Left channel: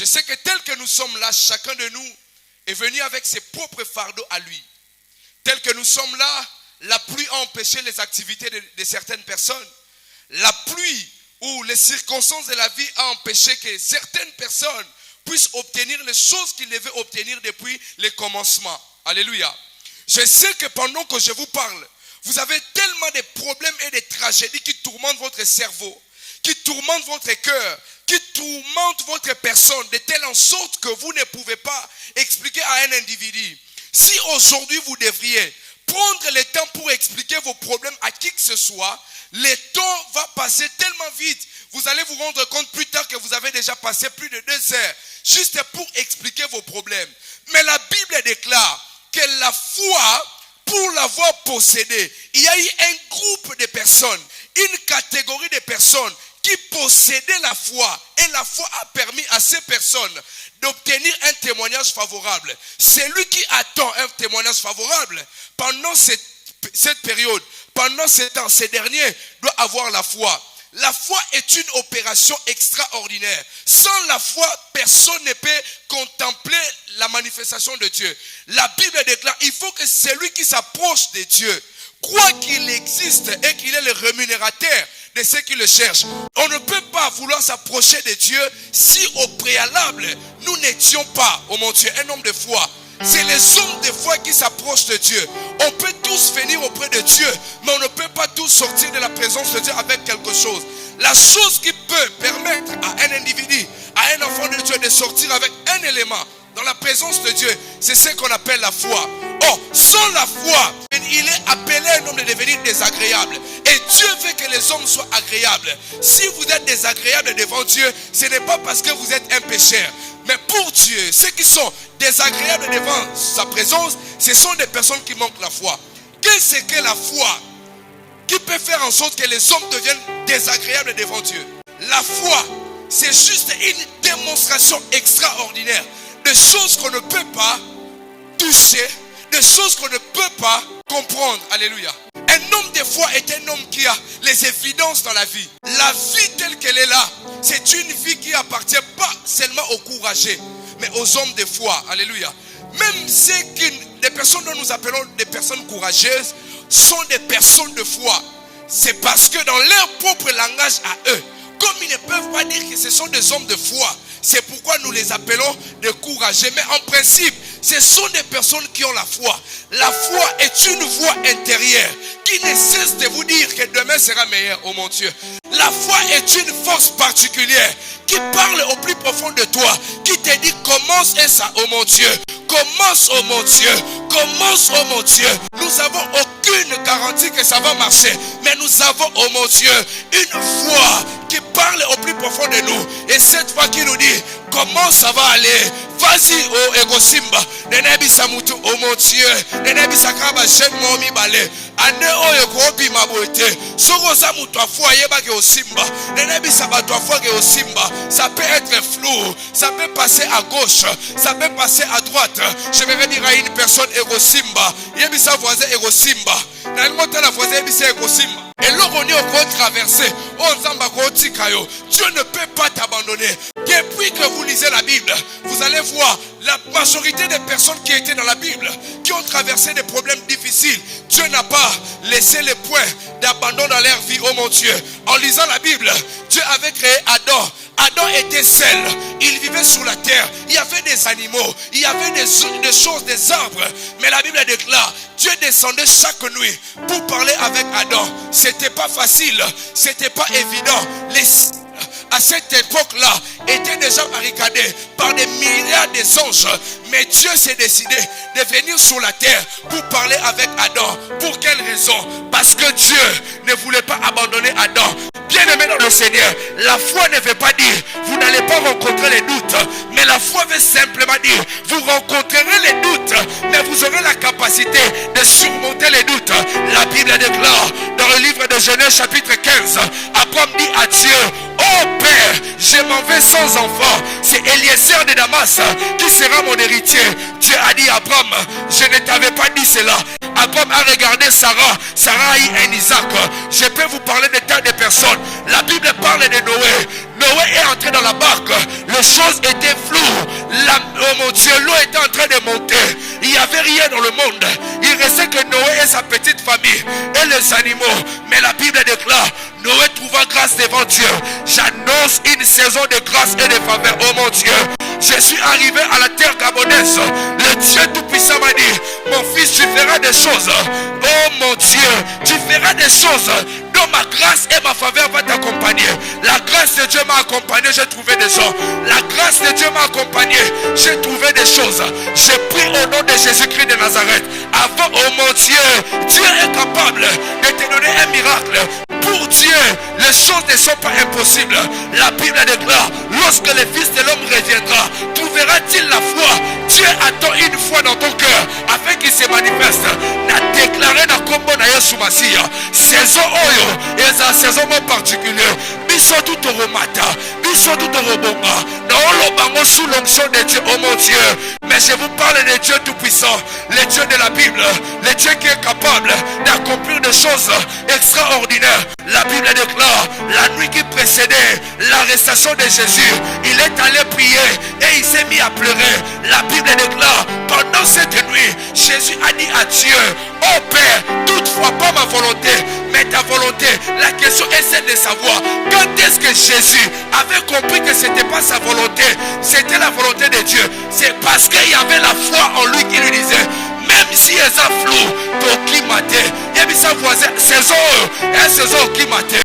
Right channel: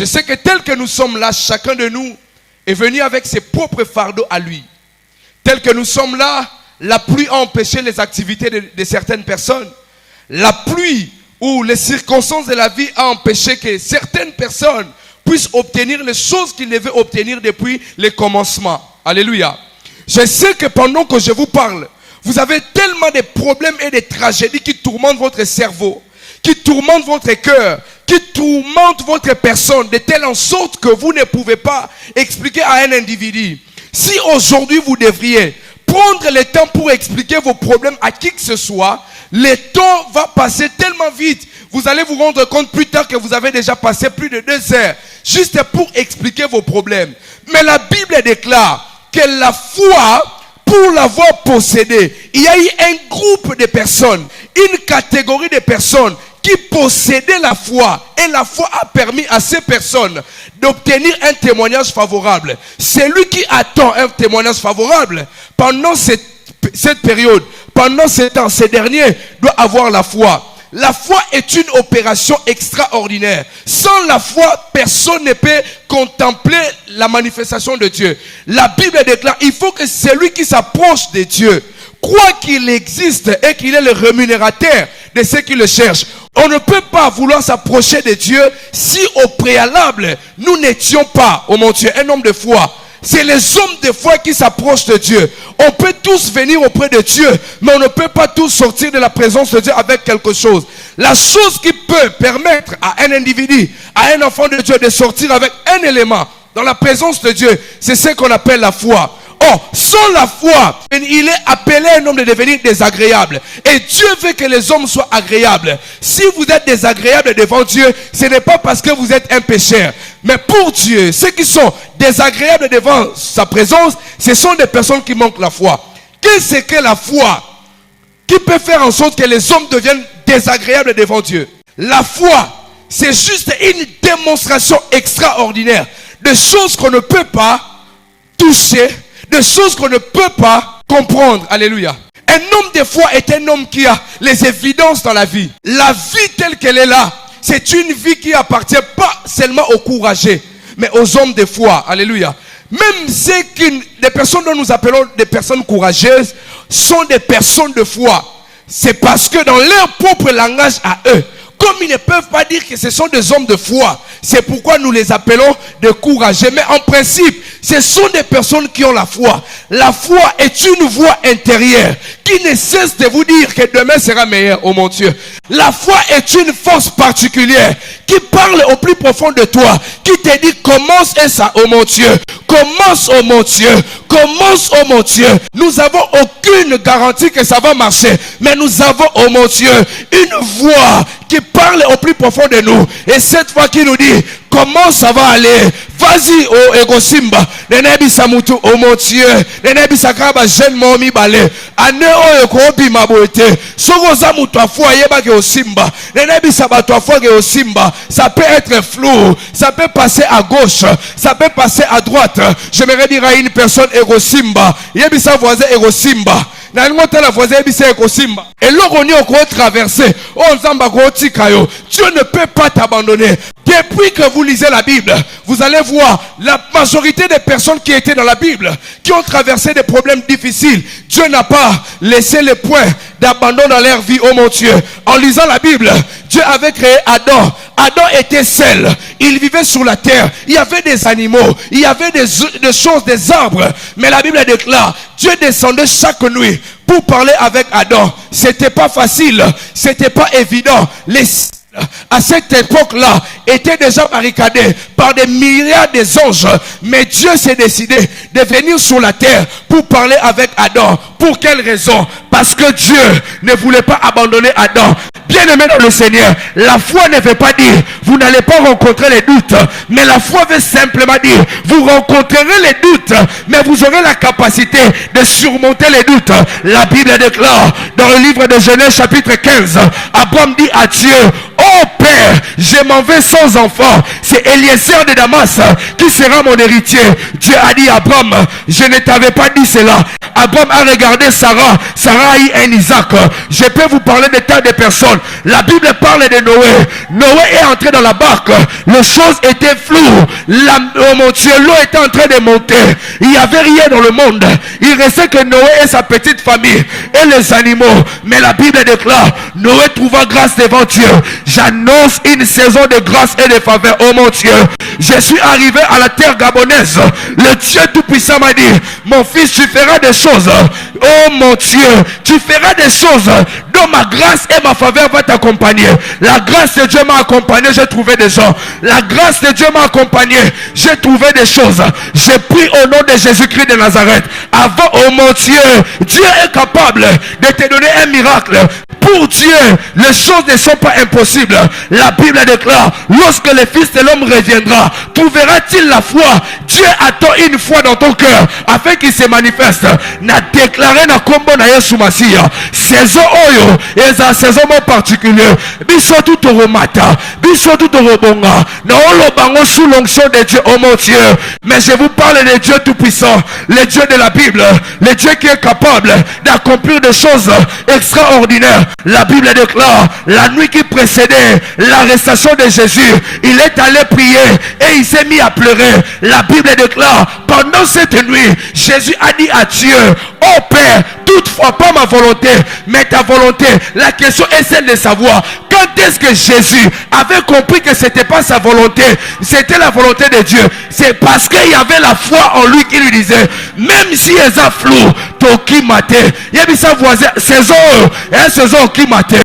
Je sais que tel que nous sommes là, chacun de nous est venu avec ses propres fardeaux à lui. Tel que nous sommes là, la pluie a empêché les activités de certaines personnes. La pluie ou les circonstances de la vie a empêché que certaines personnes puissent obtenir les choses qu'ils devaient obtenir depuis le commencement. Alléluia. Je sais que pendant que je vous parle, vous avez tellement de problèmes et de tragédies qui tourmentent votre cerveau, qui tourmentent votre cœur, qui tourmentent votre personne, de telle en sorte que vous ne pouvez pas expliquer à un individu. Si aujourd'hui vous devriez prendre le temps pour expliquer vos problèmes à qui que ce soit, le temps va passer tellement vite. Vous allez vous rendre compte plus tard que vous avez déjà passé plus de 2 heures juste pour expliquer vos problèmes. Mais la Bible déclare que la foi, pour l'avoir possédée, il y a eu un groupe de personnes, une catégorie de personnes qui possédaient la foi. Et la foi a permis à ces personnes d'obtenir un témoignage favorable. Celui qui attend un témoignage favorable pendant cette période, pendant ce temps, ces derniers doit avoir la foi. La foi est une opération extraordinaire. Sans la foi, personne ne peut contempler la manifestation de Dieu. La Bible déclare, il faut que celui qui s'approche de Dieu croit qu'il existe et qu'il est le rémunérateur de ceux qui le cherchent. On ne peut pas vouloir s'approcher de Dieu si au préalable, nous n'étions pas, oh mon Dieu, un homme de foi. C'est les hommes de foi qui s'approchent de Dieu. On peut tous venir auprès de Dieu, mais on ne peut pas tous sortir de la présence de Dieu avec quelque chose. La chose qui peut permettre à un individu, à un enfant de Dieu de sortir avec un élément dans la présence de Dieu, c'est ce qu'on appelle la foi. Or, sans la foi, il est appelé un homme de devenir désagréable. Et Dieu veut que les hommes soient agréables. Si vous êtes désagréable devant Dieu, ce n'est pas parce que vous êtes un pécheur. Mais pour Dieu, ceux qui sont désagréables devant sa présence, ce sont des personnes qui manquent la foi. Qu'est-ce que la foi qui peut faire en sorte que les hommes deviennent désagréables devant Dieu? La foi, c'est juste une démonstration extraordinaire de choses qu'on ne peut pas toucher, de choses qu'on ne peut pas comprendre. Alléluia. Un homme de foi est un homme qui a les évidences dans la vie. La vie telle qu'elle est là, c'est une vie qui appartient pas seulement aux courageux, mais aux hommes de foi. Alléluia. Même les personnes dont nous appelons des personnes courageuses sont des personnes de foi. C'est parce que dans leur propre langage à eux, comme ils ne peuvent pas dire que ce sont des hommes de foi, c'est pourquoi nous les appelons des courageux. Mais en principe, ce sont des personnes qui ont la foi. La foi est une voix intérieure qui ne cesse de vous dire que demain sera meilleur, oh mon Dieu. La foi est une force particulière qui parle au plus profond de toi, qui te dit commence et ça, oh mon Dieu. Commence, oh mon Dieu. Commence, oh mon Dieu. Nous n'avons aucune garantie que ça va marcher, mais nous avons, oh mon Dieu, une voix qui parle au plus profond de nous. Et cette fois qui nous dit comment ça va aller. Vas-y, oh Ego Simba. Nenebi Samutu, oh mon Dieu. Nenebi Sakaba, jeune momi balé. Ane o ekobi maboete. Sogoza mutua foi yeba ke Simba. Nenebi sabatua foi ke Simba. Ça peut être flou. Ça peut passer à gauche. Ça peut passer à droite. J'aimerais dire à une personne Ego Simba. Yebi sa voisin Ego Simba. Et Dieu ne peut pas t'abandonner. Depuis que vous lisez la Bible, vous allez voir la majorité des personnes qui étaient dans la Bible, qui ont traversé des problèmes difficiles. Dieu n'a pas laissé les points d'abandon dans leur vie, oh mon Dieu. En lisant la Bible, Dieu avait créé Adam. Adam était seul. Il vivait sur la terre. Il y avait des animaux. Il y avait des choses, des arbres. Mais la Bible déclare, Dieu descendait chaque nuit pour parler avec Adam. C'était pas facile. C'était pas évident. À cette époque-là, étaient déjà barricadés par des milliards d'anges. Mais Dieu s'est décidé de venir sur la terre pour parler avec Adam. Pour quelle raison? Parce que Dieu ne voulait pas abandonner Adam. Bien-aimé dans le Seigneur, la foi ne veut pas dire vous n'allez pas rencontrer les doutes, mais la foi veut simplement dire vous rencontrerez les doutes, mais vous aurez la capacité de surmonter les doutes. La Bible déclare dans le livre de Genèse chapitre 15, Abraham dit à Dieu, oh Père, je m'en vais sans enfant. C'est Eliezer de Damas qui sera mon héritier. Dieu a dit à Abraham, je ne t'avais pas dit cela. Abraham a regardé Sarah. Sarah a eu un Isaac. Je peux vous parler des tas de personnes. La Bible parle de Noé. Noé est entré dans la barque. Les choses étaient floues. Oh mon Dieu, l'eau était en train de monter. Il n'y avait rien dans le monde. Il restait que Noé et sa petite famille et les animaux. Mais la Bible déclare, Noé trouva grâce devant Dieu. J'annonce une saison de grâce et de faveur. Oh mon Dieu, je suis arrivé à la terre gabonaise. Le Dieu Tout-Puissant m'a dit, mon fils, tu feras des choses. Oh mon Dieu, tu feras des choses dont ma grâce et ma faveur vont t'accompagner. La grâce de Dieu m'a accompagné, j'ai trouvé des gens. La grâce de Dieu m'a accompagné, j'ai trouvé des choses. J'ai pris au nom de Jésus-Christ de Nazareth. Avant, oh mon Dieu, Dieu est capable de te donner un miracle. Pour Dieu, les choses ne sont pas impossibles. La Bible déclare, lorsque le Fils de l'homme reviendra, trouvera-t-il la foi? Dieu attend une foi dans ton cœur afin qu'il se manifeste. Na déclaré na kombo na Yesu Masiya. Saison oyo, eza saison particulier. Biso tout remata, biso tout rebonga. Na olobango sous l'onction de Dieu, oh mon Dieu. Mais je vous parle de Dieu Tout-Puissant, le Dieu de la Bible, le Dieu qui est capable d'accomplir des choses extraordinaires. La Bible déclare, la nuit qui précédait l'arrestation de Jésus, il est allé prier et il s'est mis à pleurer. La Bible déclare, pendant cette nuit, Jésus a dit à Dieu, oh Père, toutefois pas ma volonté, mais ta volonté. La question est celle de savoir, quand est-ce que Jésus avait compris que c'était pas sa volonté, c'était la volonté de Dieu? C'est parce qu'il y avait la foi en lui qui lui disait, même si elle est flou, Toki maté, il y a sa voisin, saison, saison qui maté.